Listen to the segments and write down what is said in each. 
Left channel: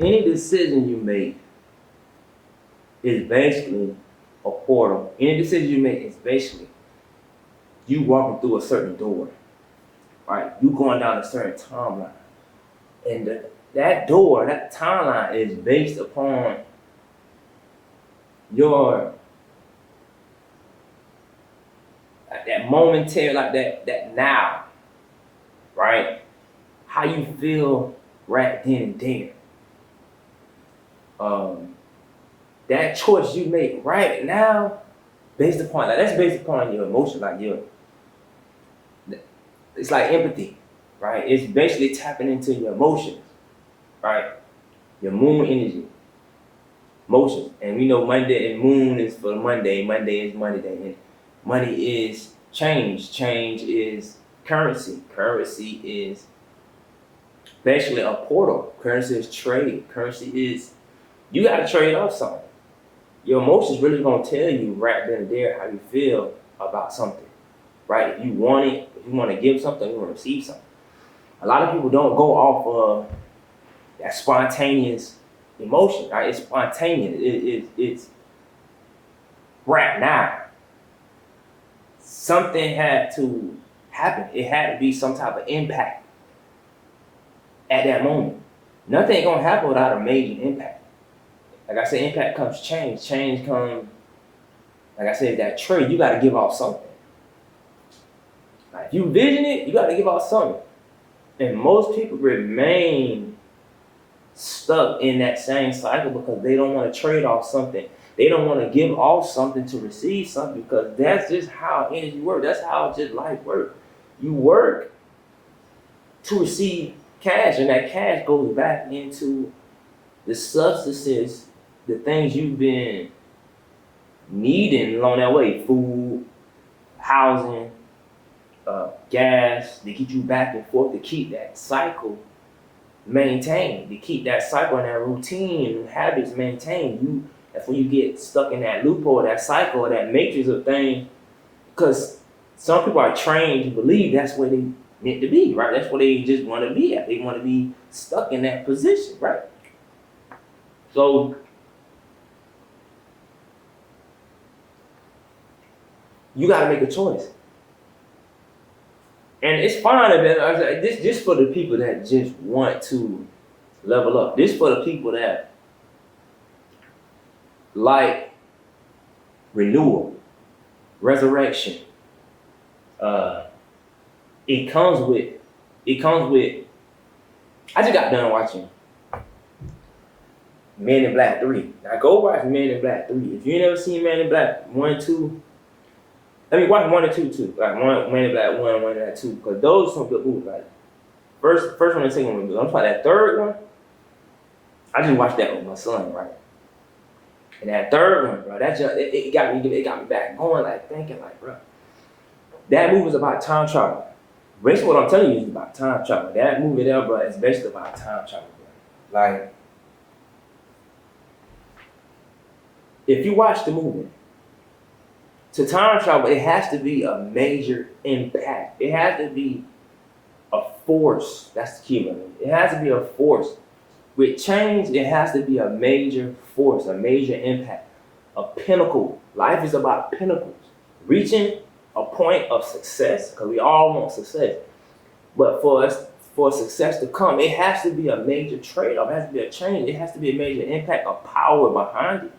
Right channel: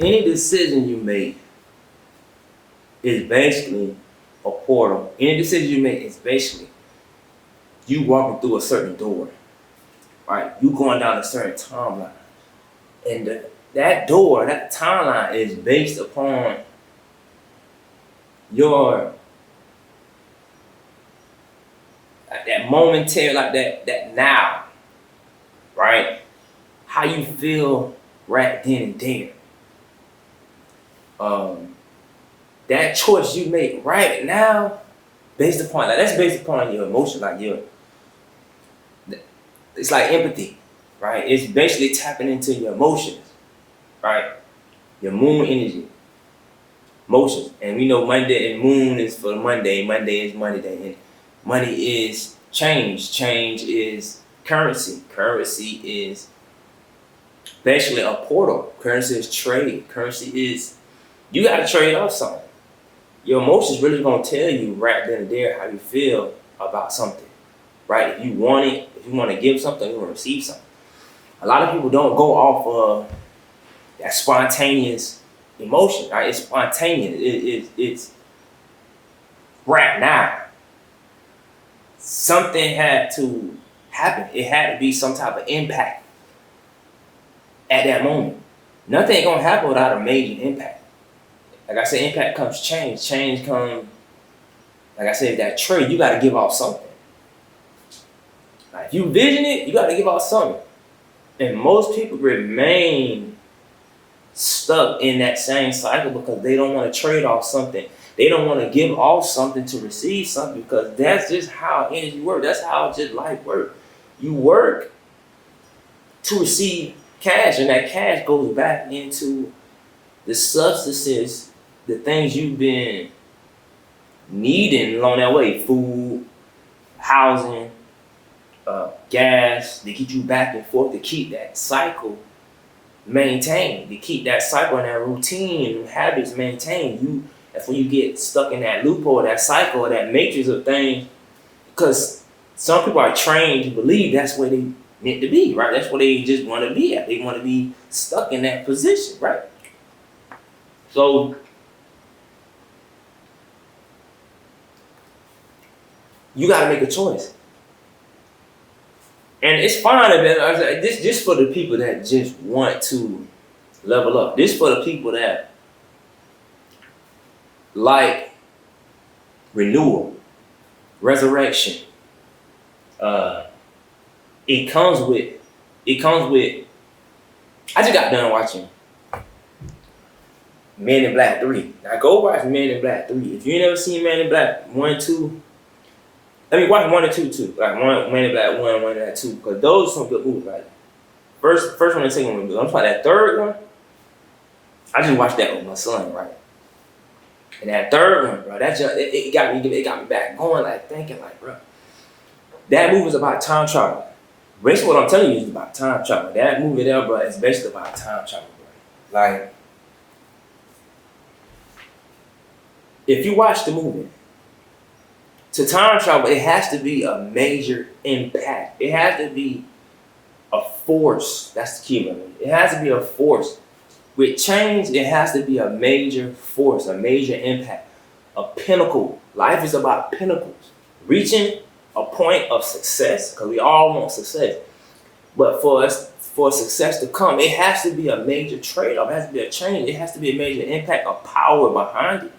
Any decision you make is basically a portal. Any decision you make is basically you walking through a certain door, right? You going down a certain timeline. And that door, that timeline is based upon your that momentary, like that now, right? How you feel right then and there. Um, that choice you make right now, based upon like that's based upon your emotion, like your it's like empathy, right? It's basically tapping into your emotions, right? Your moon energy, emotions. And we know Monday and moon is for Monday, Monday is money day, and money is change. Change is currency. Currency is basically a portal. Currency is trade. Currency is you gotta trade off something. Your emotions really gonna tell you right then and there how you feel about something. Right? If you want it, if you want to give something, you want to receive something. A lot of people don't go off of that spontaneous emotion, right? It's spontaneous. It's right now. Something had to happen. It had to be some type of impact at that moment. Nothing ain't gonna happen without a major impact. Like I said, impact comes change. Change comes, like I said, that trade, you gotta give off something. Like if you vision it, you gotta give off something. And most people remain stuck in that same cycle because they don't want to trade off something. They don't want to give off something to receive something because that's just how energy works. That's how just life works. You work to receive cash, and that cash goes back into the substances, the things you've been needing along that way: food, housing, gas. They get you back and forth to keep that cycle maintained, to keep that cycle and that routine and habits maintained. That's when you get stuck in that loophole, that cycle, that matrix of things. Because some people are trained to believe that's where they meant to be, right? That's where they just want to be at. They want to be stuck in that position, right? So you got to make a choice. And it's fine if this just for the people that just want to level up. This for the people that like renewal, resurrection. It comes with. I just got done watching Men in Black 3. Now go watch Men in Black 3. If you ain't never seen Men in Black 1, 2, I mean watch 1 and 2 too. Like Men in Black 1, 1 and 2, because those are some good movies. Like first one and second one. I'm talking that third one. I just watched that with my son, right? And that third one, bro, it got me back going, like thinking, like, bro, that movie is about time travel. Basically, what I'm telling you is about time travel. That movie there, bro, is basically about time travel, bro. Like, if you watch the movie, to time travel, it has to be a major impact. It has to be a force. That's the key, man. It has to be a force. With change, it has to be a major force, a major impact, a pinnacle. Life is about pinnacles. Reaching a point of success, because we all want success. But for success to come, it has to be a major trade-off. It has to be a change. It has to be a major impact, a power behind it.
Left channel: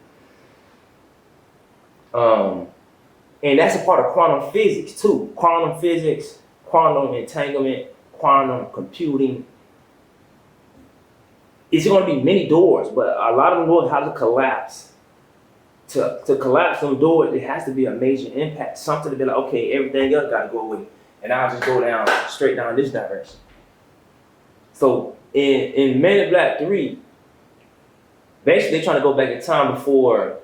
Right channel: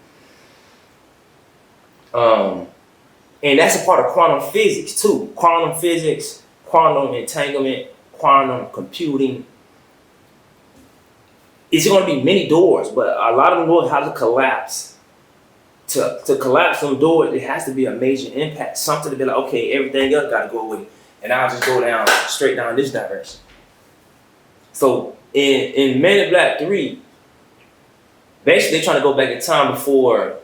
And that's a part of quantum physics too. Quantum physics, quantum entanglement, quantum computing. It's going to be many doors, but a lot of them doors have to collapse. To collapse them doors, it has to be a major impact. Something to be like, okay, everything else got to go away. And I'll just go straight down this direction. So in Men in Black 3, basically they're trying to go back in time before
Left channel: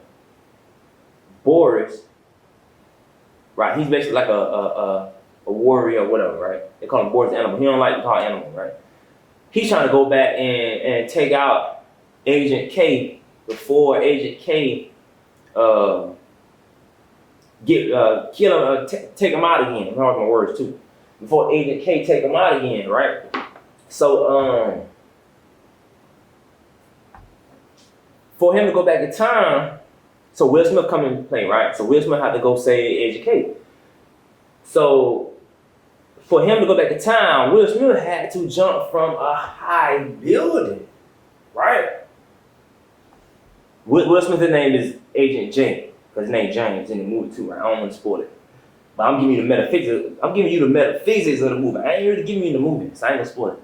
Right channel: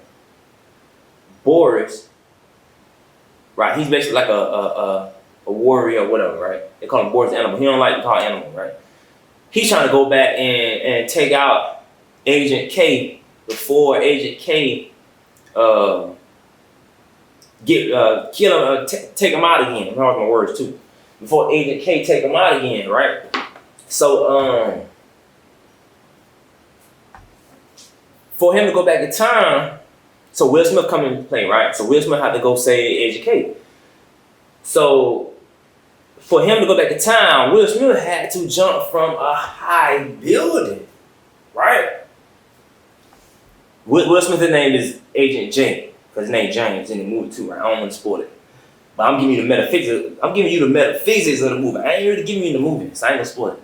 Boris, right? He's basically like a warrior or whatever, right? They call him Boris Animal. He don't like to call Animal, right? He's trying to go back and take out Agent K before Agent K kill him, take him out again. I'm talking my words too. Before Agent K take him out again, right? So For him to go back in time, so Will Smith come into play, right? So Will Smith had to go say educate. So for him to go back in time, Will Smith had to jump from a high building, right? Will Smith's name is Agent J, because his name James in the movie too, right? I don't want to spoil it. But I'm giving you the metaphysics. I'm giving you the metaphysics of the movie. I ain't really giving you the movie, so I ain't gonna spoil it.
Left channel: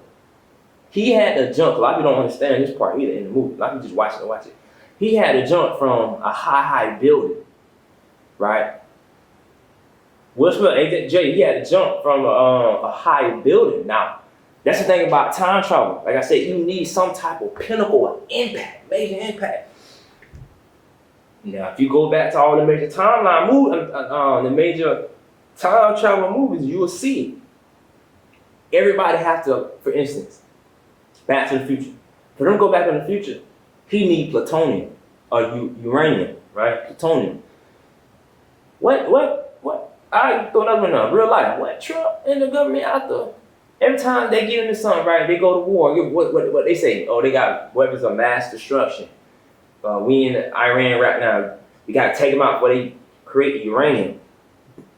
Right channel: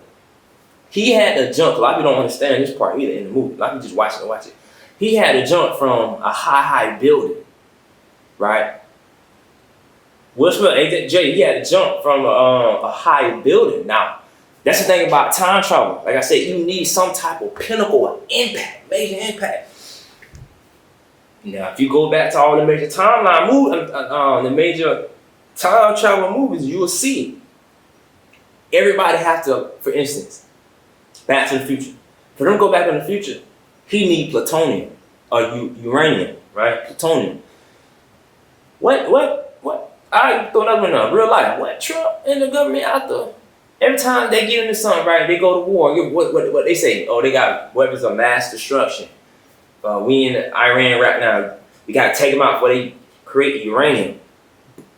He had to jump. A lot of people don't understand this part either in the movie. A lot of people just watch it. He had to jump from a high building, right? Will Smith, Agent J, he had to jump from a high building. Now, that's the thing about time travel. Like I said, you need some type of pinnacle of impact, major impact. Now, if you go back to all the major timeline movies, the major time travel movies, you will see everybody has to, for instance, Back to the Future. For them to go back in the future, he need plutonium or uranium, right? Plutonium. What? I throw another one up. Real life. What Trump and the government out there? Every time they get into something, right? They go to war. What they say? Oh, they got weapons of mass destruction. We in Iran right now. We gotta take them out before they create uranium.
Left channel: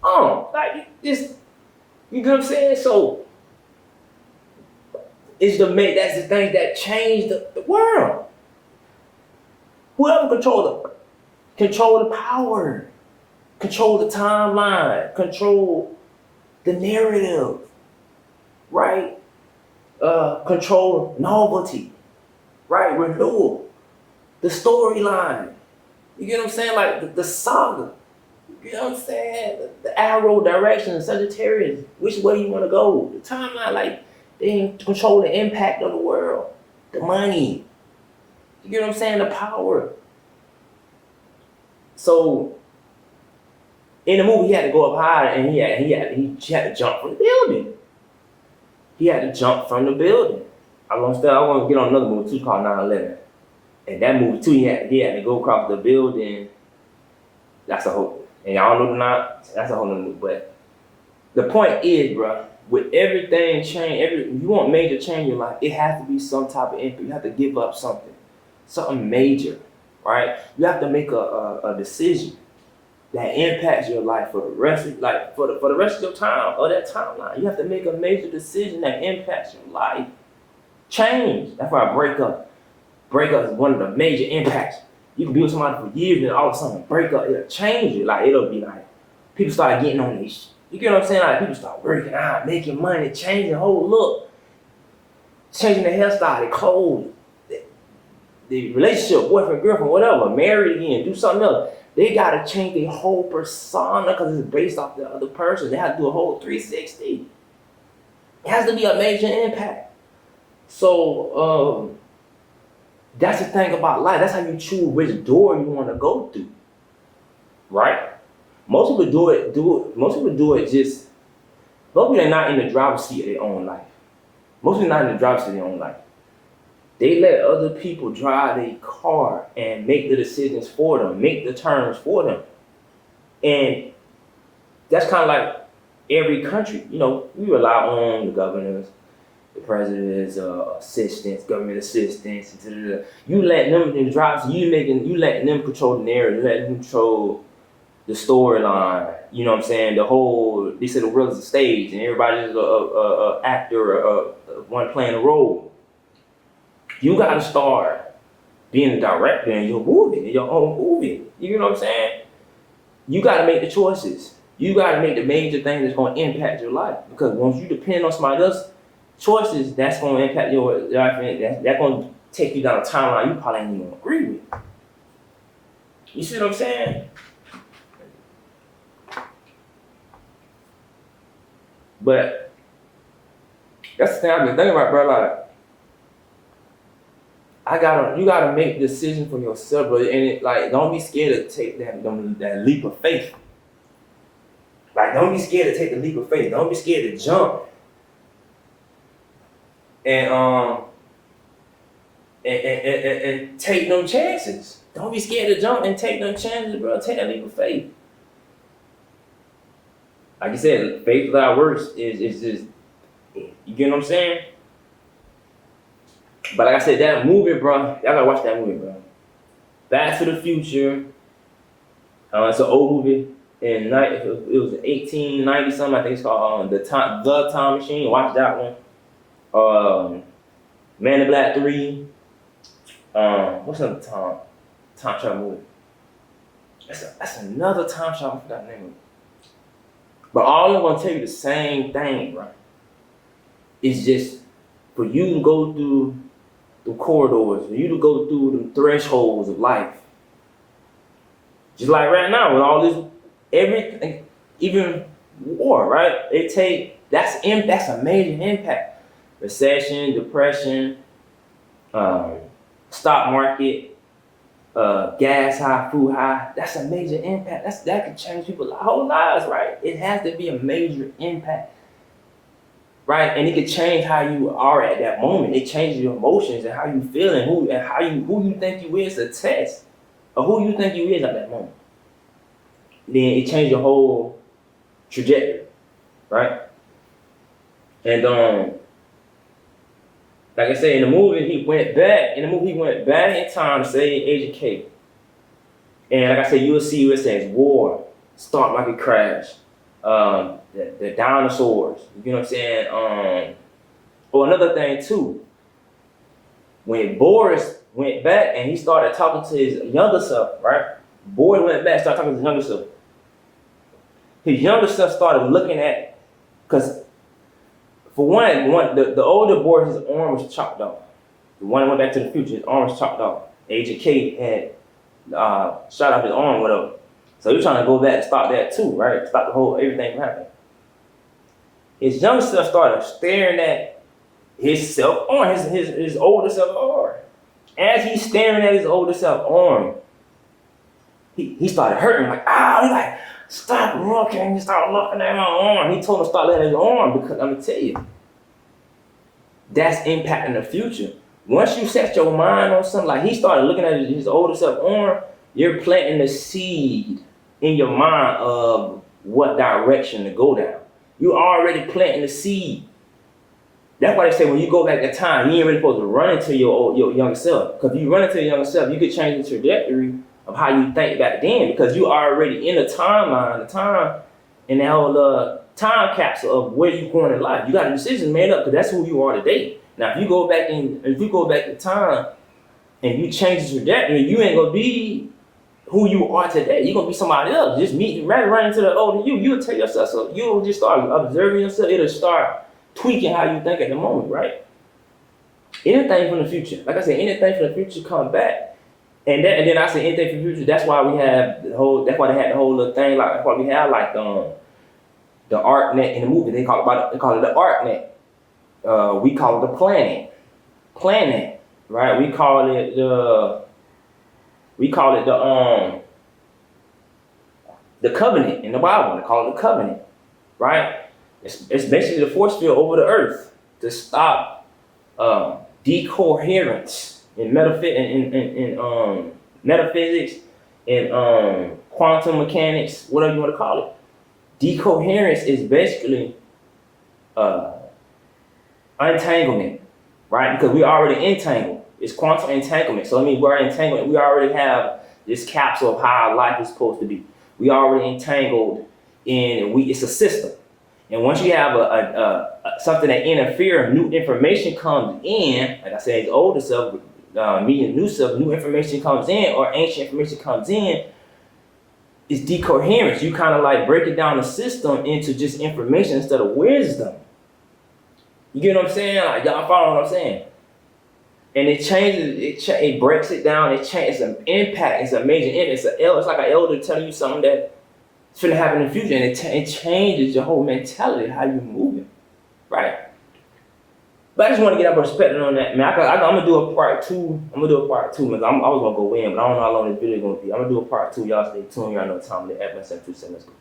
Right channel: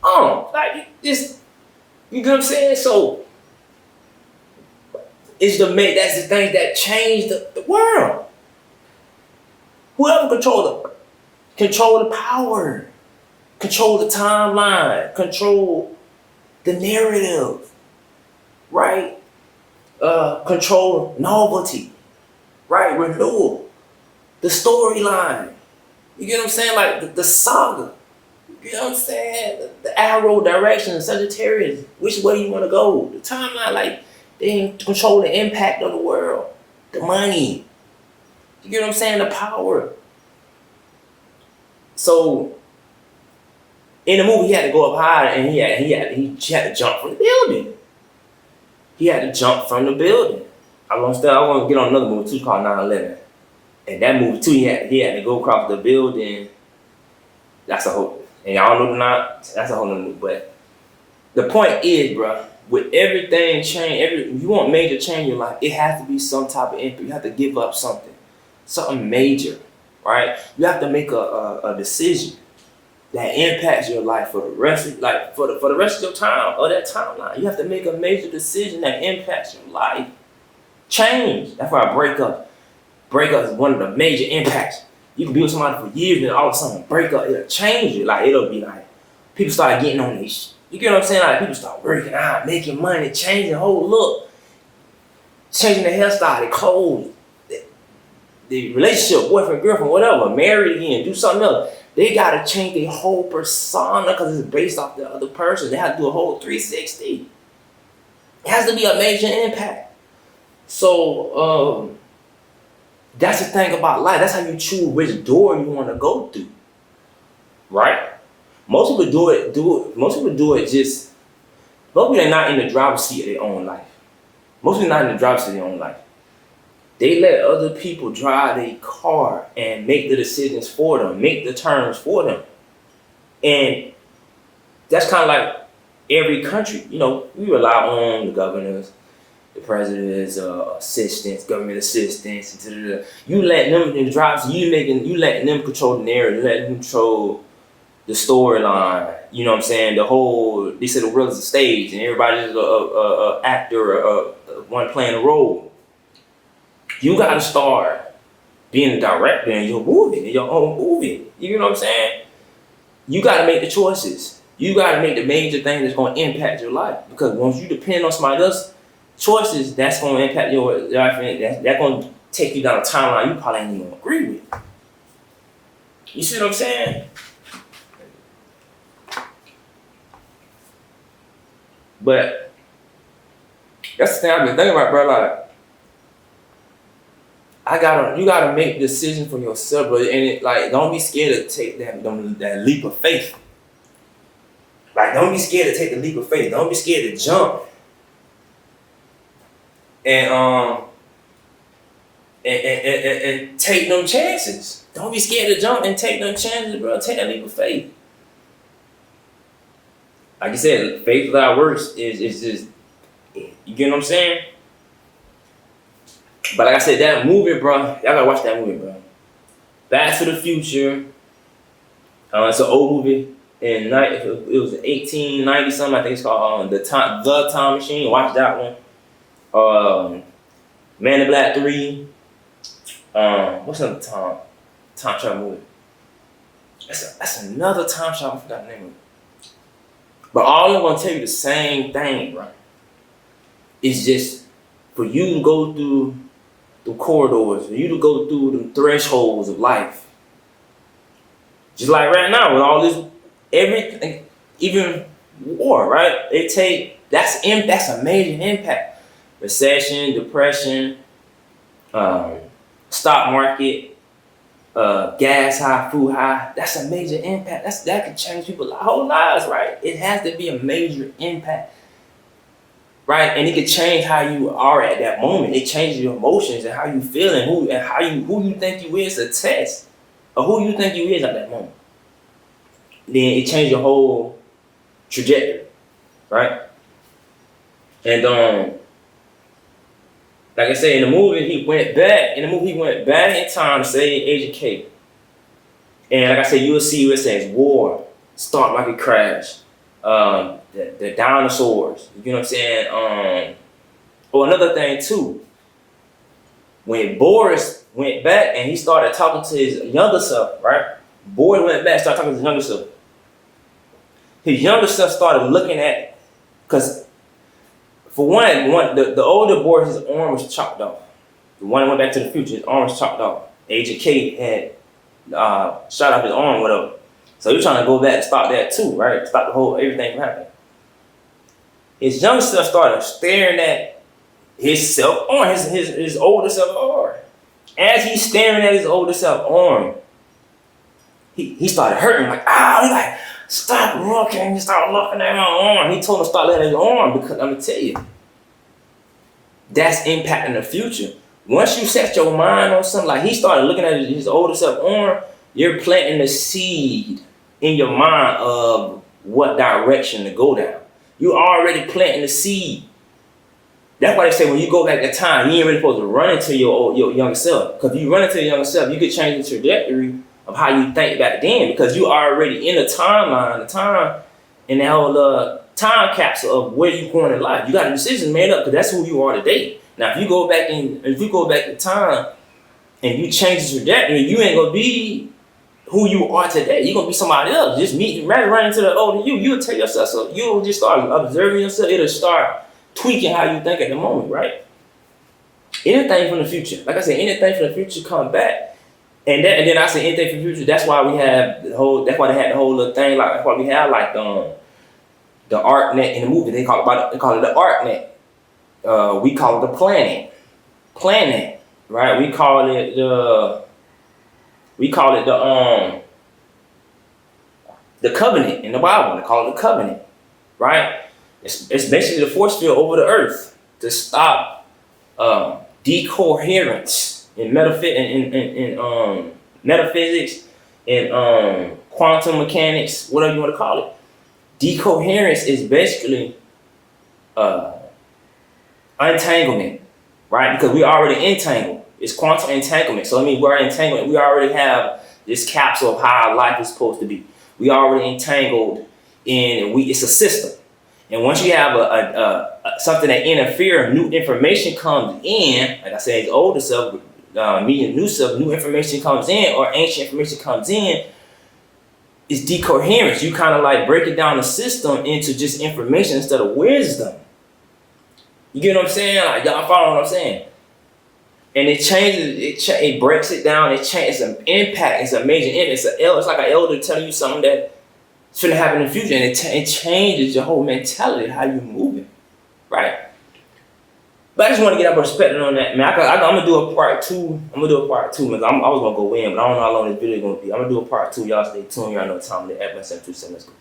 Like this, you know what I'm saying? So that's the thing that changed the world. Whoever control the power, control the timeline, control the narrative, right? Control novelty, right? Renewal. The storyline, you get what I'm saying? Like the saga, you know what I'm saying? The arrow direction, Sagittarius, which way you want to go? The timeline, like they control the impact of the world, the money, you get what I'm saying? The power. So in the movie, he had to go up higher, and he had to jump from the building. He had to jump from the building. I want to get on another movie too called 9/11. And that movie too, he had to go across the building. That's a whole, and y'all know that's a whole nother movie. But the point is, bro, with everything change, if you want major change in your life, it has to be some type of impact. You have to give up something major, right? You have to make a decision that impacts your life for the rest of for the rest of your time or that timeline. You have to make a major decision that impacts your life. Change. That's why breakup is one of the major impacts. You can be with somebody for years and all of a sudden breakup, it'll change you. Like it'll be like people start getting on these. You get what I'm saying? Like people start working out, making money, changing the whole look, changing their hairstyle, their clothes, the relationship, boyfriend, girlfriend, whatever, married again, do something else. They gotta change their whole persona because it's based off the other person. They have to do a whole 360. It has to be a major impact. So that's the thing about life. That's how you choose which door you want to go through, right? Most people do it. Most people are not in the driver's seat of their own life. Most people are not in the driver's seat of their own life. They let other people drive their car and make the decisions for them, make the turns for them. And that's kind of like every country. You know, we rely on the governors, the president's assistants, government assistants. You let them in the drive, so you letting them control the narrative, you letting them control the storyline. You know what I'm saying? They said the world is a stage, and everybody's a actor, one playing a role. You gotta start being a director in your own movie. You know what I'm saying? You gotta make the choices. You gotta make the major thing that's gonna impact your life. Because once you depend on somebody else's choices, that's gonna impact your life, and that's gonna take you down a timeline you probably ain't even gonna agree with. You see what I'm saying? But that's the thing I've been thinking about, bro. Like, you gotta make decisions for yourself, bro. And don't be scared to take that leap of faith. Like, don't be scared to take the leap of faith. Don't be scared to jump. And take them chances. Don't be scared to jump and take them chances, bro. Take that leap of faith. Like you said, faith without works is just, you get what I'm saying? But like I said, that movie, bro, y'all gotta watch that movie, bro. Back to the Future. It's an old movie. It was 1890 something. I think it's called the Time Machine. Watch that one. Man in Black 3. What's another time travel movie? That's another time travel. I forgot the name of it. But all I'm gonna tell you the same thing, right? It's just for you to go through the corridors, for you to go through the thresholds of life. Just like right now with all this, everything, even war, right? That's a major impact. Recession, depression, stock market, gas high, food high. That's a major impact. That can change people's whole lives, right? It has to be a major impact, right? And it can change how you are at that moment. It changes your emotions and how you feel and who you think you is a test of who you think you is at that moment. Then it changed your whole trajectory, right? And like I said, in the movie, he went back in time to save Agent K. And like I said, you'll see what it says, war, stock market crash, the dinosaurs, you know what I'm saying? Another thing too, when Boris went back and he started talking to his younger self, right? Boris went back, started talking to his younger self. His younger self started looking at, because for one, the older Boris, his arm was chopped off. The one that went back to the future, his arm was chopped off. Agent K had shot off his arm, whatever. So he was trying to go back and stop that too, right? Stop everything from happening. His younger self started staring at his self arm, his older self arm. As he's staring at his older self arm, he started hurting, like, he's like, stop looking at my arm. He told him to stop looking at his arm because I'm gonna tell you, that's impacting the future. Once you set your mind on something, like he started looking at his older self arm, you're planting the seed in your mind of what direction to go down. You already planting the seed. That's why they say when you go back in time, you ain't really supposed to run into your younger self. Because if you run into your younger self, you could change the trajectory of how you think back then, because you are already in the timeline, the time, and that whole time capsule of where you going in life. You got a decision made up because that's who you are today. Now, if you go back in time and you change the trajectory, you ain't gonna be who you are today. You're gonna be somebody else. Just rather run into the older you'll tell yourself, so you'll just start observing yourself. It'll start tweaking how you think at the moment, right? Anything from the future, like I said, anything from the future come back. And then I say anything from the future. That's why we have that's why they had the whole little thing. Like, that's why we have like the ArcNet in the movie. They call it the ArcNet. We call it the planet, right? We call it the covenant in the Bible. They call it the covenant, right? It's basically the force field over the earth to stop decoherence in metaphysics and quantum mechanics, whatever you want to call it. Decoherence is basically untanglement, right? Because we already entangled. It's quantum entanglement. So I mean, we're entangled. We already have this capsule of how life is supposed to be. We already entangled it's a system. And once you have something that interferes, new information comes in, like I said, it's older self, meeting new self, new information comes in, or ancient information comes in, it's decoherence. You kind of like breaking down the system into just information instead of wisdom. You get what I'm saying? Like, y'all follow what I'm saying? And it changes, it breaks it down, it's an impact, it's a major impact. It's like an elder telling you something that's going to happen in the future, and it changes your whole mentality, how you're moving, right? But I just want to get a perspective on that, man. I'm gonna do a part two. Man. I was gonna go in, but I don't know how long this video is gonna be. I'm gonna do a part two. Y'all stay tuned. Y'all know the time. The F1 727. Let's go.